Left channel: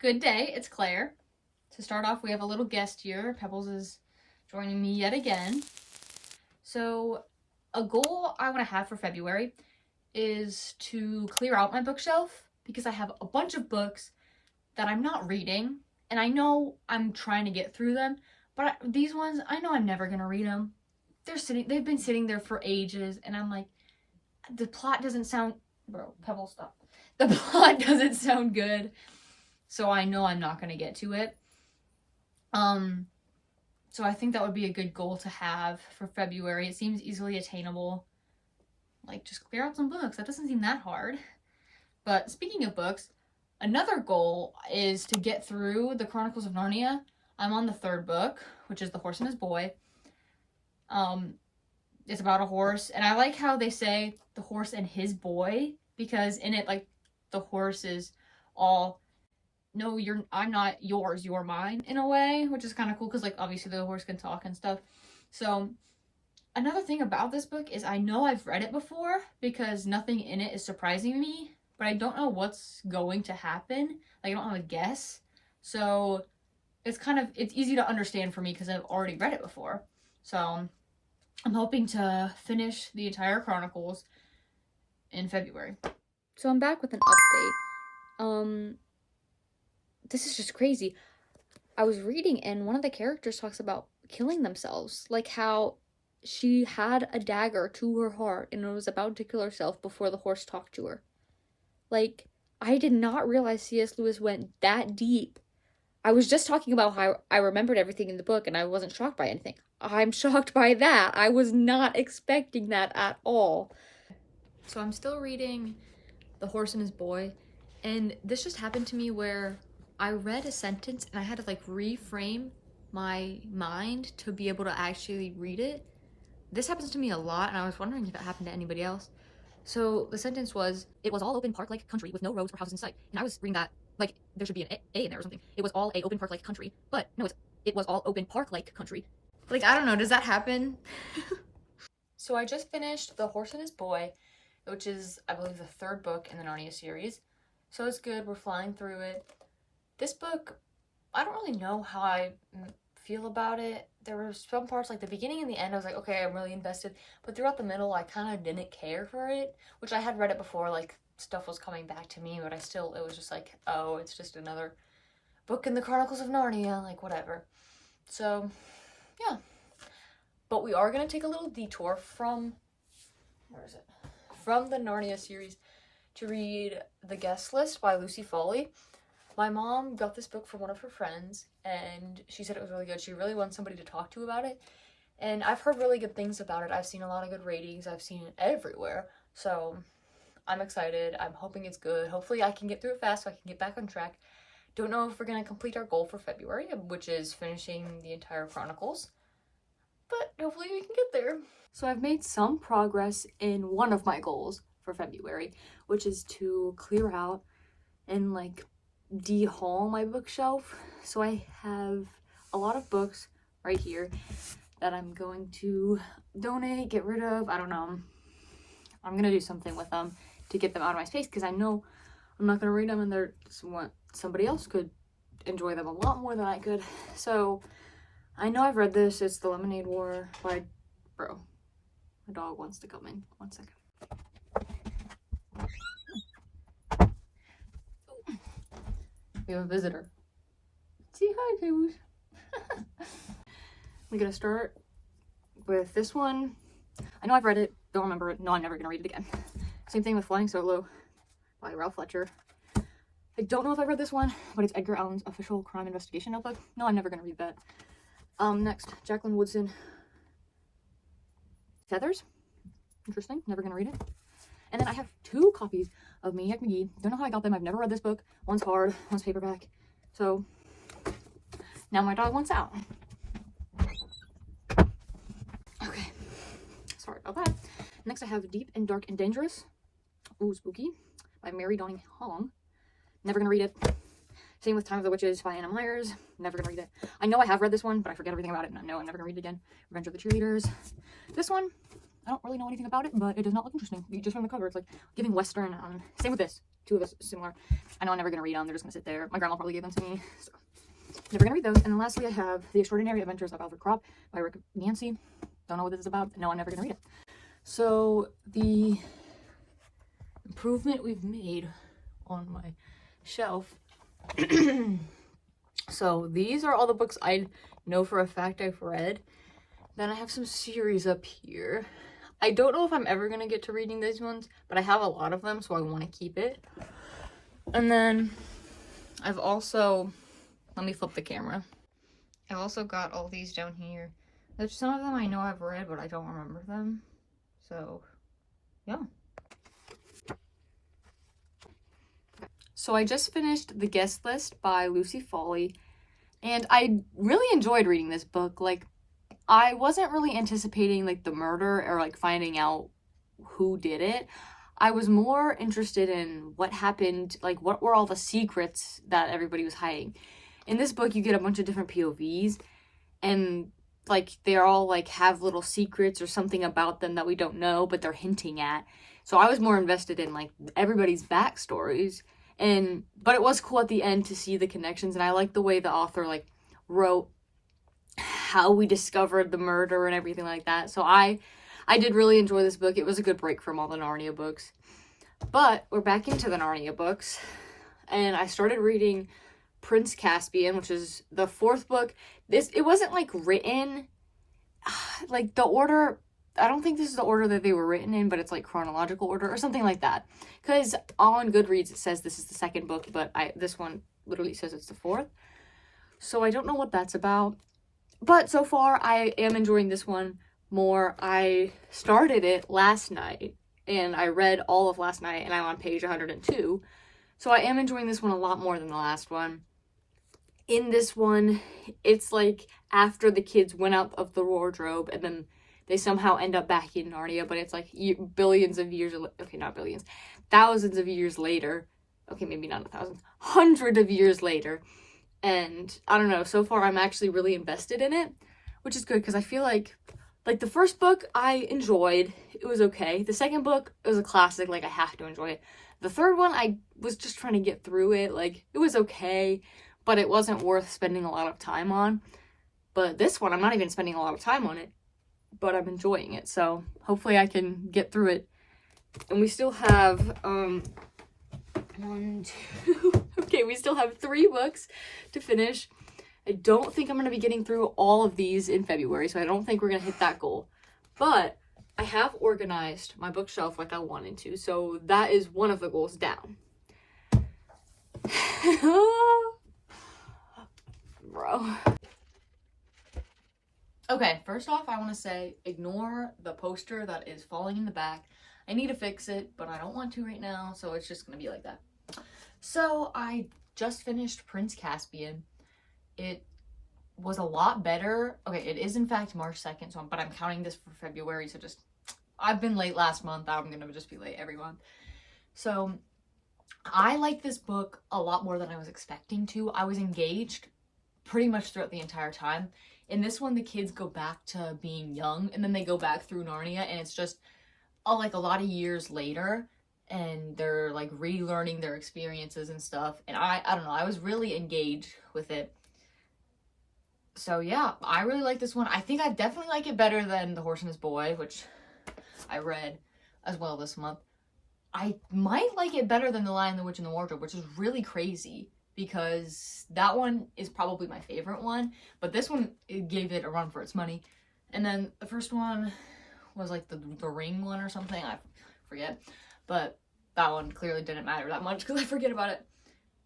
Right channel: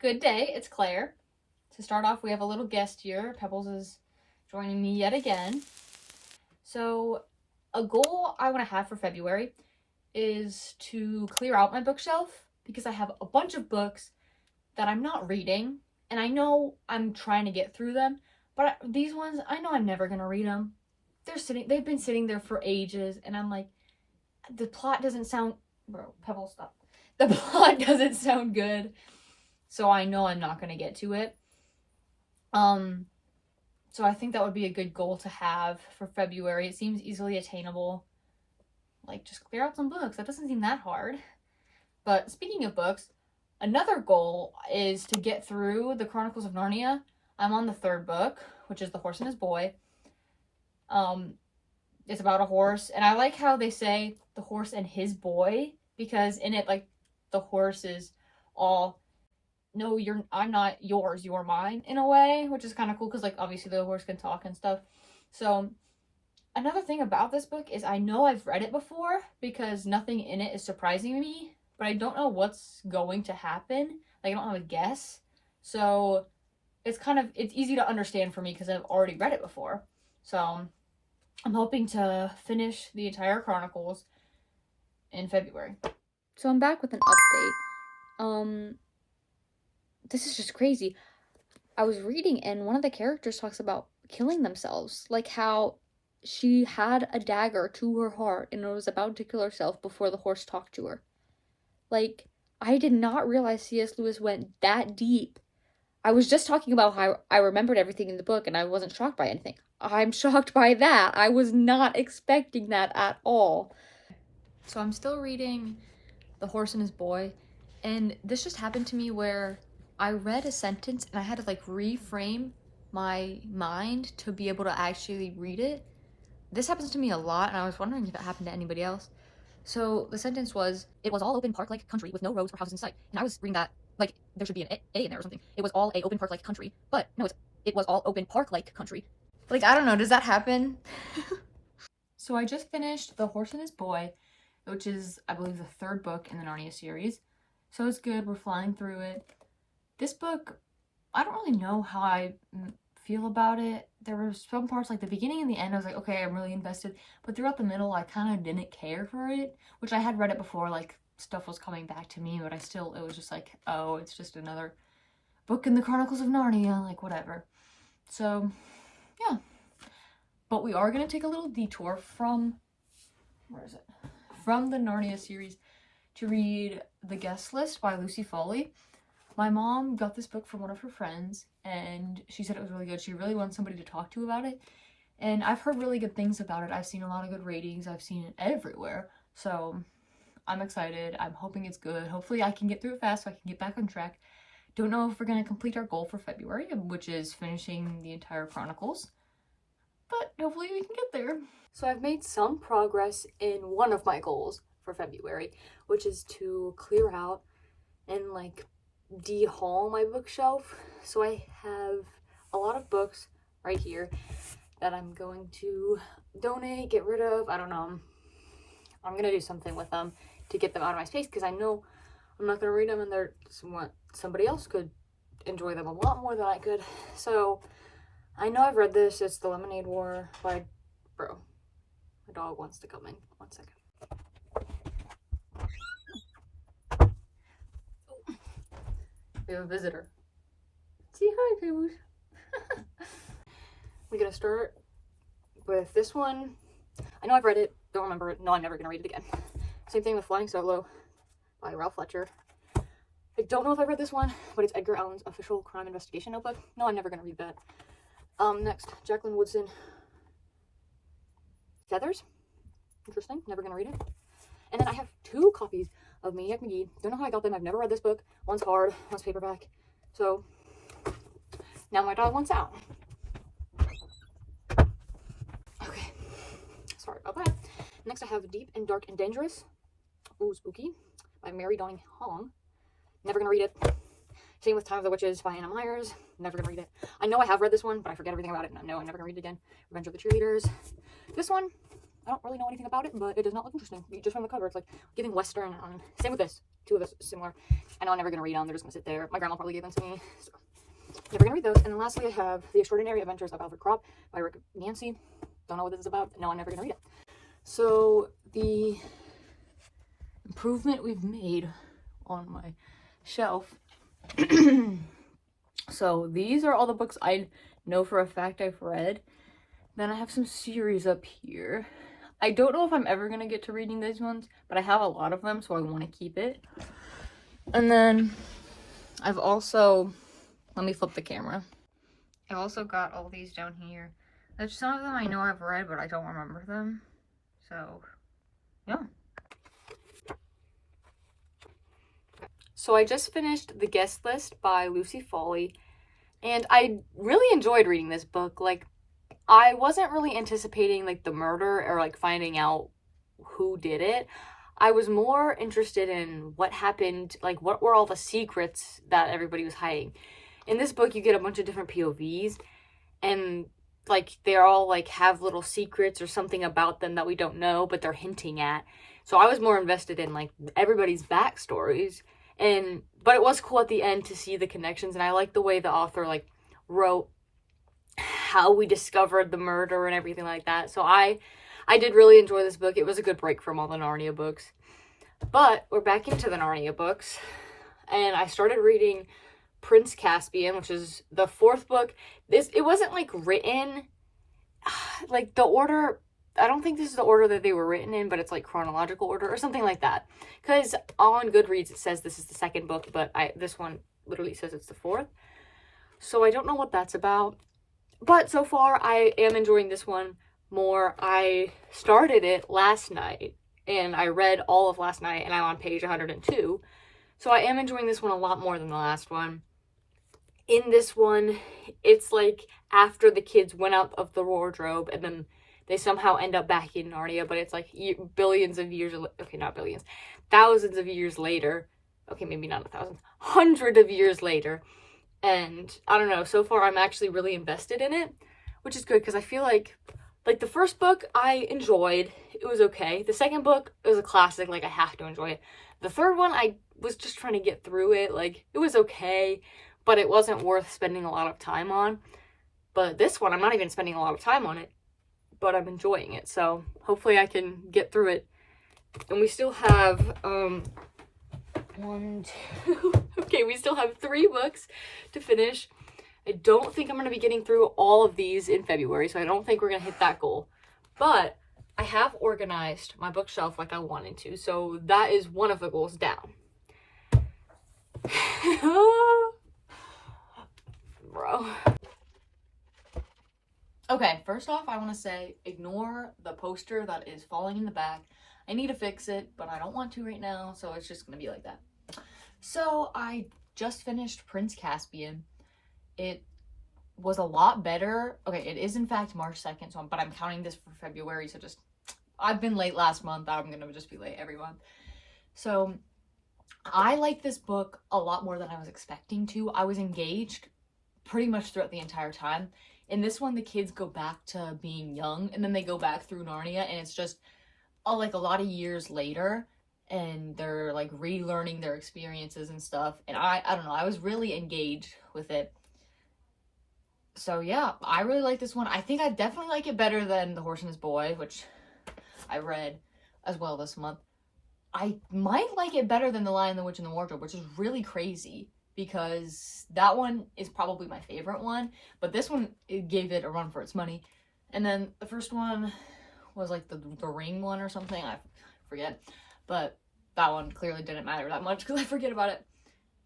Good day, it's Claire. To start off, we have a little guest here. Pebbles is joining me yet again. So, a goal I want to have for February is to clear out my bookshelf because I have a bunch of books that I'm not reading, and I know I'm trying to get through them, but these ones, I know I'm never going to read them. They've been sitting there for ages, and I'm like, the plot doesn't sound, bro, Pebbles, stop. The plot doesn't sound good. So I know I'm not going to get to it. So I think that would be a good goal to have for February. It seems easily attainable. Like, just clear out some books. That doesn't seem that hard. But speaking of books, another goal is to get through the Chronicles of Narnia. I'm on the third book, which is The Horse and His Boy. It's about a horse, and I like how they say the horse and his boy, because in it, like, the horse is all, no, I'm not yours, you're mine, in a way, which is kind of cool because, like, obviously the horse can talk and stuff. So another thing about this book is I know I've read it before because nothing in it is surprising me, but I don't know what's going to happen. Like, I don't have a guess. So it's easy to understand for me because I've already read it before. So I'm hoping to finish the entire Chronicles in February. So I'm back with an update. This is just crazy. I was reading and one of the characters talks about killing themselves. Like how she had a dagger to her heart and was about to kill herself before the horse talked to her. Like, I did not realize C.S. Lewis went that deep. I was just talking about how I remembered everything in the book and I wasn't shocked by anything. I'm shocked by that. I was not expecting that at all. So I'm still reading The Horse and His Boy, and this just happened to me where I read a sentence and I had to like reframe my mind to be able to actually read it. This happens to me a lot, and I was wondering if it happened to anybody else. So the sentence was, it was all open park-like country with no roads or houses in sight. And I was reading that like there should be an A in there or something. It was all a open park-like country, but no, it was all open park-like country. Like, I don't know, does that happen? So I just finished The Horse and His Boy, which is, I believe, the third book in the Narnia series. So it's good, we're flying through it. This book, I don't really know how I feel about it. There were some parts, like the beginning and the end, I was like, okay, I'm really invested. But throughout the middle, I kind of didn't care for it, which I had read it before, like, stuff was coming back to me, but it was just like, oh, it's just another book in the Chronicles of Narnia, like, whatever. So, yeah. But we are going to take a little detour from, from the Narnia series to read The Guest List by Lucy Foley. My mom got this book from one of her friends, and she said it was really good. She really wants somebody to talk to about it, and I've heard really good things about it. I've seen a lot of good ratings. I've seen it everywhere, so I'm excited. I'm hoping it's good. Hopefully I can get through it fast so I can get back on track. Don't know if we're going to complete our goal for February, which is finishing the entire Chronicles, but hopefully we can get there. So I've made some progress in one of my goals for February, which is to clear out and like de-haul my bookshelf. So I have a lot of books right here that I'm going to donate, get rid of. I don't know. I'm gonna do something with them to get them out of my space because I know I'm not gonna read them, and somebody else could enjoy them a lot more than I could. So I know I've read this. It's The Lemonade War by, bro, my dog wants to come in. 1 second. We have a visitor. Say hi, Taylor. We're gonna start with this one. I know I've read it, don't remember it. No, I'm never gonna read it again. Same thing with Flying Solo by Ralph Fletcher. I don't know if I read this one, but it's Edgar Allan's official crime investigation notebook. No, I'm never gonna read that. Next, Jacqueline Woodson, Feathers. Interesting, never gonna read it. And then I have 2 copies of Maniac Magee. Don't know how I got them. I've never read this book. One's hard, one's paperback. So now my dog wants out. Okay, sorry about that. Next I have Deep and Dark and Dangerous. Ooh, spooky. By Mary Downing Hong. Never gonna read it. Same with Time of the Witches by Anna Myers. Never gonna read it. I know I have read this one, but I forget everything about it, and I know I'm never gonna read it again. Revenge of the Cheerleaders. This one, I don't really know anything about it, but it does not look interesting. Just from the cover, it's like giving Western. Same with this. two of us similar. I know I'm never gonna read them. They're just gonna sit there. My grandma probably gave them to me, so never gonna read those. And then lastly, I have The Extraordinary Adventures of Alfred Crop by Rick Yancey. Don't know what this is about. No, I'm never gonna read it. So the improvement we've made on my shelf. So these are all the books I know for a fact I've read. Then I have some series up here. I don't know if I'm ever gonna get to reading these ones, but I have a lot of them, so I want to keep it. And then I've also, let me flip the camera. I've also got all these down here. There's some of them I know I've read, but I don't remember them. So, yeah. So I just finished The Guest List by Lucy Foley, and I really enjoyed reading this book. Like, I wasn't really anticipating, like, the murder or, like, finding out who did it. I was more interested in what happened, like, what were all the secrets that everybody was hiding. In this book, you get a bunch of different POVs, and, like, they're all, like, have little secrets or something about them that we don't know, but they're hinting at. So I was more invested in, like, everybody's backstories. But it was cool at the end to see the connections, and I like the way the author, like, wrote how we discovered the murder and everything like that. So I did really enjoy this book. It was a good break from all the Narnia books. But we're back into the Narnia books, and I started reading Prince Caspian, which is the fourth book. It wasn't, like, written, like, the order, I don't think this is the order that they were written in, but it's, like, chronological order or something like that. Because on Goodreads, it says this is the second book, but this one literally says it's the fourth. So I don't know what that's about. But so far, I am enjoying this one more. I started it last night, and I read all of last night, and I'm on page 102. So I am enjoying this one a lot more than the last one. In this one, it's like after the kids went out of the wardrobe, and then they somehow end up back in Narnia, but it's like billions of years, okay, not billions, thousands of years later. Okay, maybe not 1,000, hundreds of years later. And I don't know, so far I'm actually really invested in it, which is good because I feel like the first book I enjoyed, it was okay. The second book, it was a classic, like I have to enjoy it. The third one, I was just trying to get through it, like it was okay, but it wasn't worth spending a lot of time on. But this one, I'm not even spending a lot of time on it, but I'm enjoying it, so hopefully I can get through it. And we still have, okay, we still have 3 books to finish. I don't think I'm going to be getting through all of these in February, so I don't think we're going to hit that goal. But I have organized my bookshelf like I wanted to, so that is one of the goals down. Bro. Okay, first off, I want to say, ignore the poster that is falling in the back. I need to fix it, but I don't want to right now, so it's just going to be like that. So, I just finished Prince Caspian. It was a lot better. Okay, it is in fact March 2nd, but I'm counting this for February, so I've been late last month. I'm going to just be late every month. So, I like this book a lot more than I was expecting to. I was engaged pretty much throughout the entire time. In this one, the kids go back to being young, and then they go back through Narnia, and it's just like a lot of years later, and they're like relearning their experiences and stuff. And I don't know, I was really engaged with it. So yeah, I really like this one. I think I definitely like it better than The Horse and His Boy, which I read as well this month. I might like it better than The Lion, the Witch, and the Wardrobe, which is really crazy because that one is probably my favorite one, but this one, it gave it a run for its money. And then the first one was like the Ring one or something, I forget, but that one clearly didn't matter that much because I forget about it.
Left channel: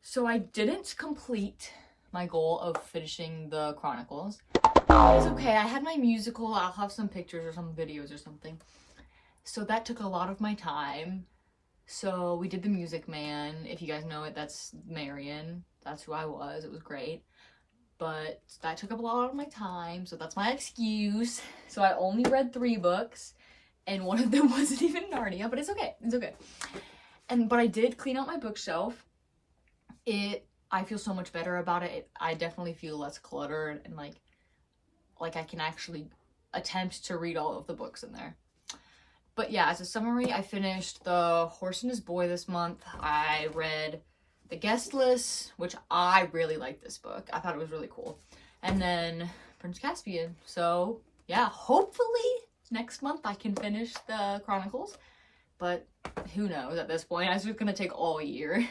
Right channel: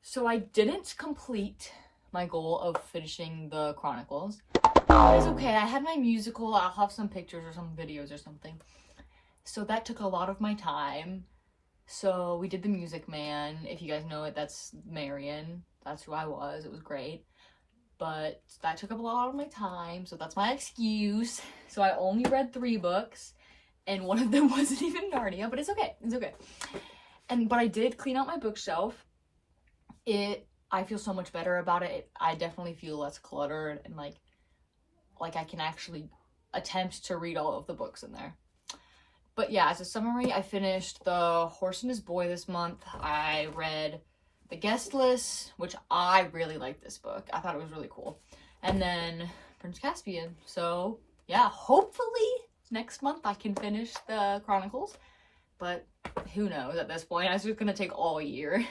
So I didn't complete my goal of finishing the Chronicles. It's okay, I had my musical, I'll have some pictures or some videos or something. So that took a lot of my time. So we did The Music Man. If you guys know it, that's Marion. That's who I was. It was great. But that took up a lot of my time, so that's my excuse. So I only read 3 books, and one of them wasn't even Narnia, but it's okay. It's okay. But I did clean out my bookshelf. I feel so much better about it. I definitely feel less cluttered, and like I can actually attempt to read all of the books in there. But yeah, as a summary, I finished The Horse and His Boy this month. I read The Guest List, which I really liked this book. I thought it was really cool. And then Prince Caspian. So yeah, hopefully next month I can finish the Chronicles. But who knows at this point? It's just gonna take all year.